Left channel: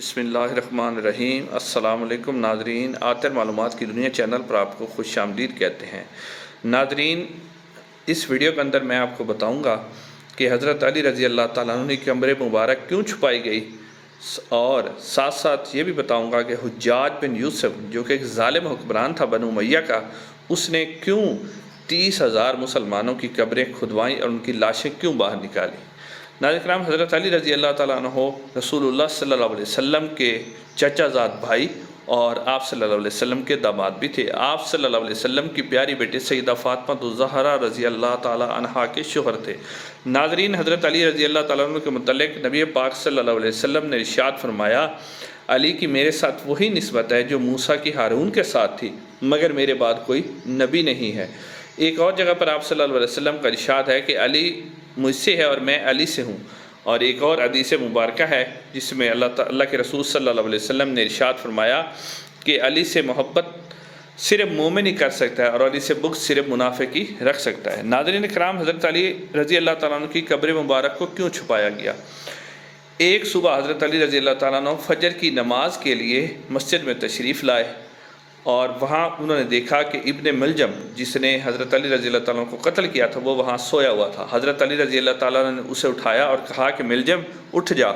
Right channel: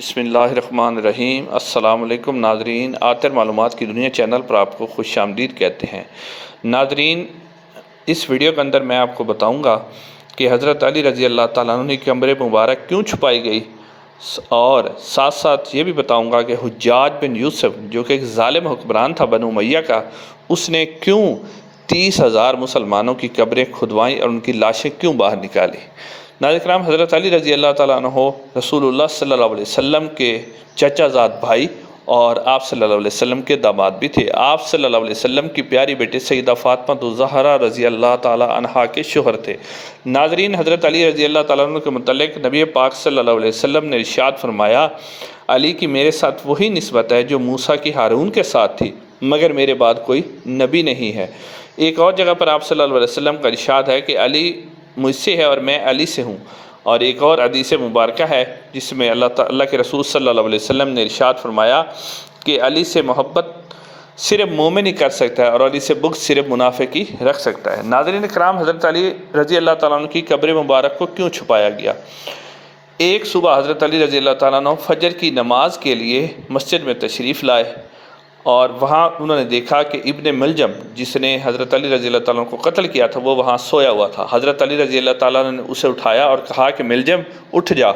بسم اللہ الرحمن الرحیم۔ السلام علیکم ناظرین، آتر معلومات کی دنیا چینل پر آپ کو خوش آمدید کہتے ہیں۔ ناظرین، اس ویڈیو کے اندر میں آپ کو بتاؤں گا کہ حضرت علی رضی اللہ تعالیٰ عنہ کی کمر مبارک کیوں چھپائی گئی، اور ساتھ ساتھ یہ بھی بتاؤں گا کہ حجاج بن یوسف جو کہ ایک ظالم حکمران تھا بنو امیہ کا، اس نے کیوں 30,000 مسلمانوں کی قبریں کھدوائیں اور ان کی لاشیں کیوں باہر نکالی۔ ناظرین کرام، حضرت علی رضی اللہ تعالیٰ عنہ رسول اللہ صلی اللہ علیہ وسلم کے چچا زاد بھائی اور آپ صلی اللہ علیہ وسلم کے داماد بھی تھے۔ آپ صلی اللہ علیہ وسلم کی پیاری بیٹی سیدہ فاطمہ الزہرا رضی اللہ تعالیٰ عنہا کے شوہر تھے۔ ناظرین، حضرت علی رضی اللہ تعالیٰ عنہ کے متعلق نبی پاک صلی اللہ علیہ وسلم نے ارشاد فرمایا، علی کی میرے ساتھ وہی نسبت ہے جو موسیٰ کی ہارون کے ساتھ تھی، مگر میرے بعد کوئی نبی نہیں ہے۔ ایک اور جگہ پر آپ صلی اللہ علیہ وسلم کا ارشاد ہے کہ علی مجھ سے ہے اور میں علی سے ہوں۔ اور ایک اور حدیث مبارکہ ہے جس میں اللہ کے رسول صلی اللہ علیہ وسلم نے ارشاد فرمایا کہ علی سے محبت صرف مومن ہی کر سکتا ہے اور علی سے بغض صرف منافق ہی رکھ سکتا ہے۔ ناظرین کرام، حضرت علی رضی اللہ تعالیٰ عنہ کی قبر مبارک کو کیوں چھپایا گیا؟ ایک صبح حضرت علی رضی اللہ تعالیٰ عنہ فجر کی نماز کے لیے مسجد میں تشریف لائے اور وہاں انہوں نے دیکھا کہ ابن ملجم جس نے حضرت علی رضی اللہ تعالیٰ عنہ کو قتل کیا تھا وہ وہاں سویا ہوا تھا۔ حضرت علی رضی اللہ تعالیٰ عنہ نے اسے اٹھایا اور کہا کہ ملجم اٹھ جا،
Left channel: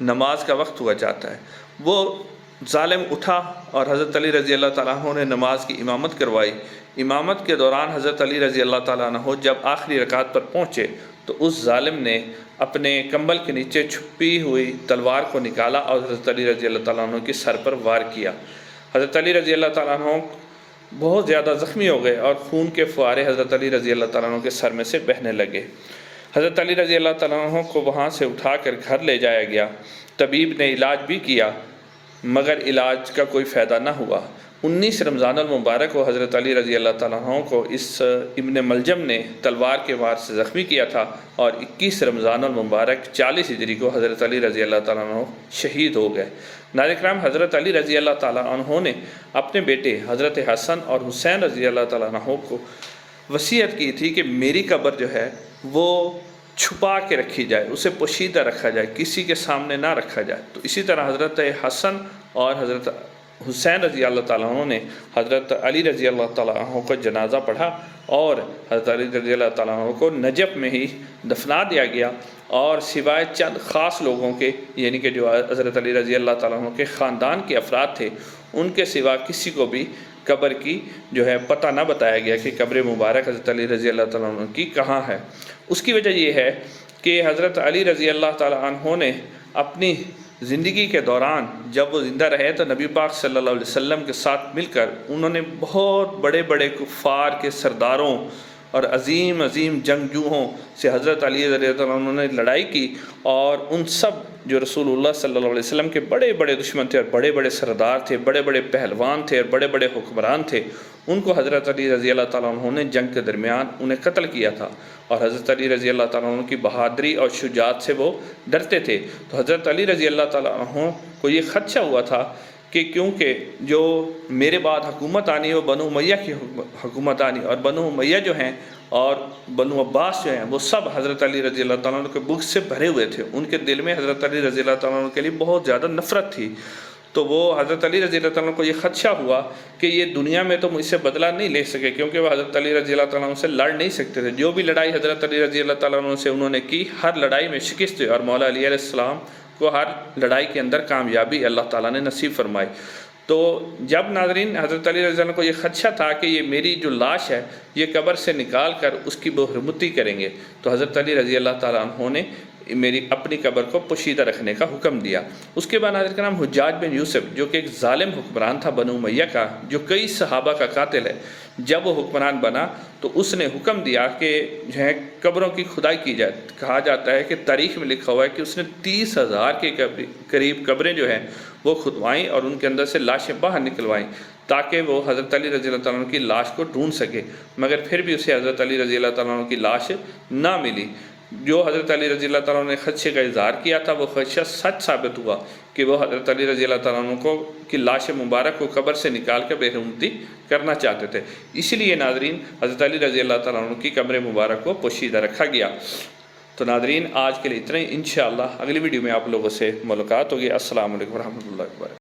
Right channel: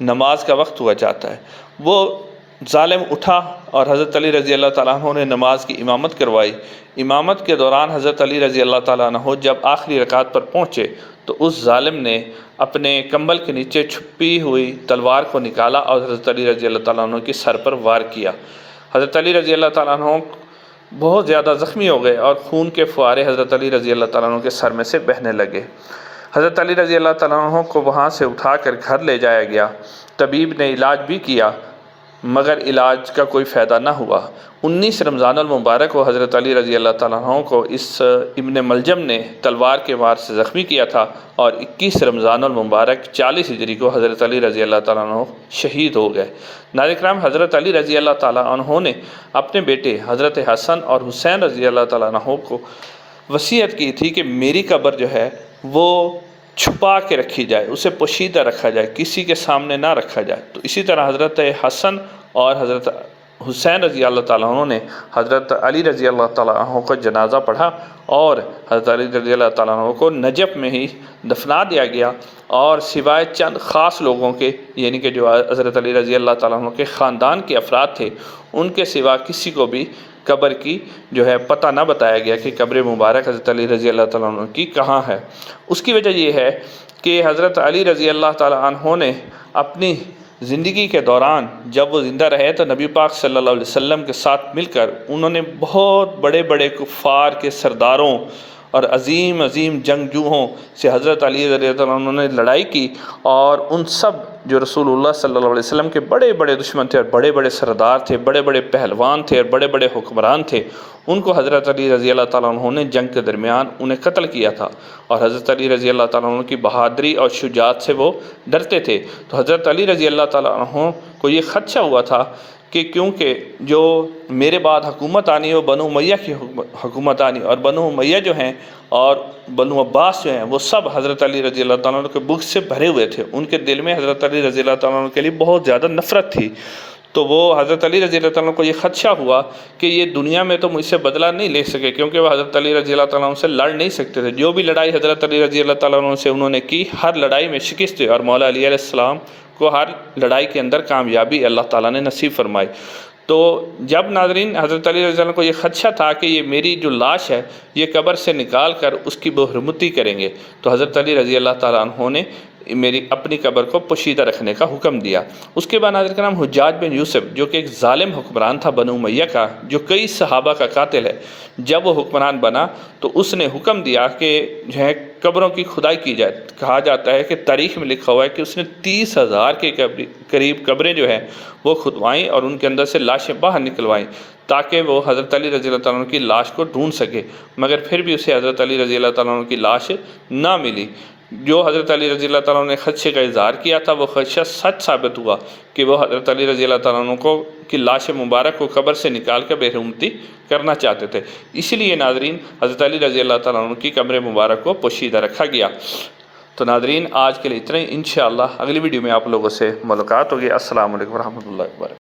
نماز کا وقت ہوا جاتا ہے۔ وہ ظالم اٹھا اور حضرت علی رضی اللہ تعالیٰ عنہ نے نماز کی امامت کروائی۔ امامت کے دوران حضرت علی رضی اللہ تعالیٰ عنہ جب آخری رکعت پر پہنچے تو اس ظالم نے اپنے کمبل کے نیچے چھپی ہوئی تلوار کو نکالا اور حضرت علی رضی اللہ تعالیٰ عنہ کے سر پر وار کیا۔ حضرت علی رضی اللہ تعالیٰ عنہ بہت زیادہ زخمی ہو گئے اور خون کے فوارے حضرت علی رضی اللہ تعالیٰ عنہ کے سر میں سے بہنے لگے۔ حضرت علی رضی اللہ تعالیٰ عنہ کو وہاں سے اٹھا کر گھر لے جایا گیا۔ طبیب نے علاج بھی کیا مگر علاج کا کوئی فائدہ نہ ہوا۔ 19 رمضان المبارک کو حضرت علی رضی اللہ تعالیٰ عنہ کو اس ابن ملجم نے تلوار کے وار سے زخمی کیا تھا، اور 21 رمضان المبارک 40 ہجری کو حضرت علی رضی اللہ تعالیٰ عنہ شہید ہو گئے۔ ناظرین کرام، حضرت علی رضی اللہ تعالیٰ عنہ نے اپنے بیٹے حضرت حسن اور حسین رضی اللہ تعالیٰ عنہ کو وصیت کی تھی کہ میری قبر جو ہے وہ چھپا کے رکھی جائے، اسے پوشیدہ رکھا جائے، کسی کے سامنے نہ رکھا جائے۔ تو اسی طرح حضرت حسن اور حضرت حسین رضی اللہ تعالیٰ عنہ نے حضرت علی رضی اللہ تعالیٰ عنہ کو جنازہ پڑھا اور حضرت علی رضی اللہ تعالیٰ عنہ کو نجف میں ہی دفنا دیا گیا، اور سوائے چند خاص لوگوں کے، یعنی کہ جو حضرت علی رضی اللہ تعالیٰ عنہ کے خاندان کے افراد تھے، ان کے سوا کسی کو بھی قبر کی جو ہے پتہ نہ بتایا گیا کہ قبر مبارک حضرت علی رضی اللہ تعالیٰ عنہ کی کہاں ہے۔ اس کی وجہ یہ ہے کہ حضرت علی رضی اللہ تعالیٰ عنہ نے اپنی زندگی کے دوران جب وہ زندہ رہے تو نبی پاک صلی اللہ علیہ وسلم کے ساتھ مل کر انہوں نے بہت بڑے بڑے کفار کے سرداروں اور عظیم عظیم جنگجوؤں سے حضرت علی رضی اللہ عنہ نے لڑائی کی، اور ان سب جو رسول اللہ صلی اللہ علیہ وسلم کے بڑے بڑے دشمن تھے اور بڑے بڑے سردار تھے، بڑے بڑے پہلوان تھے اور بڑے بڑے حکمران تھے، ان کو حضرت علی رضی اللہ تعالیٰ عنہ نے جنگ کے درمیان انہیں قتل کیا تھا، اور حضرت علی رضی اللہ تعالیٰ عنہ کی بہادری اور شجاعت سے وہ ڈرتے تھے۔ تو حضرت علی رضی اللہ تعالیٰ عنہ کو یہ خدشہ ہوا تھا کہ کیونکہ جو میرے بعد حکومت آنی ہے وہ بنو امیہ کی حکومت آنی، اور بنو امیہ جو ہیں اور بنو عباس جو ہیں وہ سب حضرت علی رضی اللہ تعالیٰ عنہ کے بغض سے بھرے ہوئے تھے، ان کے دل میں حضرت علی رضی اللہ تعالیٰ عنہ کے لیے بہت زیادہ نفرت تھی۔ تو وہ حضرت علی رضی اللہ تعالیٰ عنہ کو یہ خدشہ ہوا کہ یہ دنیا میں تو مجھ سے بدلہ نہیں لے سکے، کیونکہ وہ حضرت علی رضی اللہ تعالیٰ عنہ سے لڑ نہیں سکتے تھے۔ جو بھی لڑائی حضرت علی رضی اللہ تعالیٰ عنہ سے انہوں نے کی، ہر لڑائی میں شکست ہوئی، اور مولا علی علیہ السلام کو ہر لڑائی کے اندر کامیابی اللہ تعالیٰ نے نصیب فرمائی۔ تو جب ناظرین حضرت علی رضی اللہ عنہ کو یہ خدشہ تھا کہ یہ میری جو لاش ہے یہ قبر سے نکال کر اس کی بحرمتی کریں گے، تو حضرت علی رضی اللہ تعالیٰ عنہ نے میری اپنی قبر کو پوشیدہ رکھنے کا حکم دیا۔ اس کے بعد ناظرین کرام، حجاج بن یوسف جو کہ ایک ظالم حکمران تھا بنو امیہ کا، جو کئی صحابہ کا قاتل ہے، جب وہ حکمران بنا تو اس نے حکم دیا کہ جو ہے قبروں کی کھدائی کی جائے۔ کہا جاتا ہے کہ تاریخ میں لکھا ہوا ہے کہ اس نے 30,000 کے قریب قبریں جو ہیں وہ کھدوائیں اور ان کے اندر سے لاشیں باہر نکلوائیں تاکہ وہ حضرت علی رضی اللہ تعالیٰ عنہ کی لاش کو ڈھونڈ سکے، مگر پھر بھی اسے حضرت علی رضی اللہ تعالیٰ عنہ کی لاش نہ ملی۔ جو حضرت علی رضی اللہ تعالیٰ عنہ نے خدشے کا اظہار کیا تھا وہ خدشہ سچ ثابت ہوا کہ وہ حضرت علی رضی اللہ تعالیٰ عنہ کی لاش مبارک کو قبر سے نکال کر بحرمتی کرنا چاہتے تھے، اسی لیے ناظرین حضرت علی رضی اللہ تعالیٰ عنہ کی قبر مبارک کو پوشیدہ رکھا گیا۔ تو ناظرین آج کے لیے اتنا ہی، انشاءاللہ اگلی ویڈیو میں آپ لوگوں سے ملاقات ہوگی۔ السلام علیکم ورحمۃ اللہ وبرکاتہ۔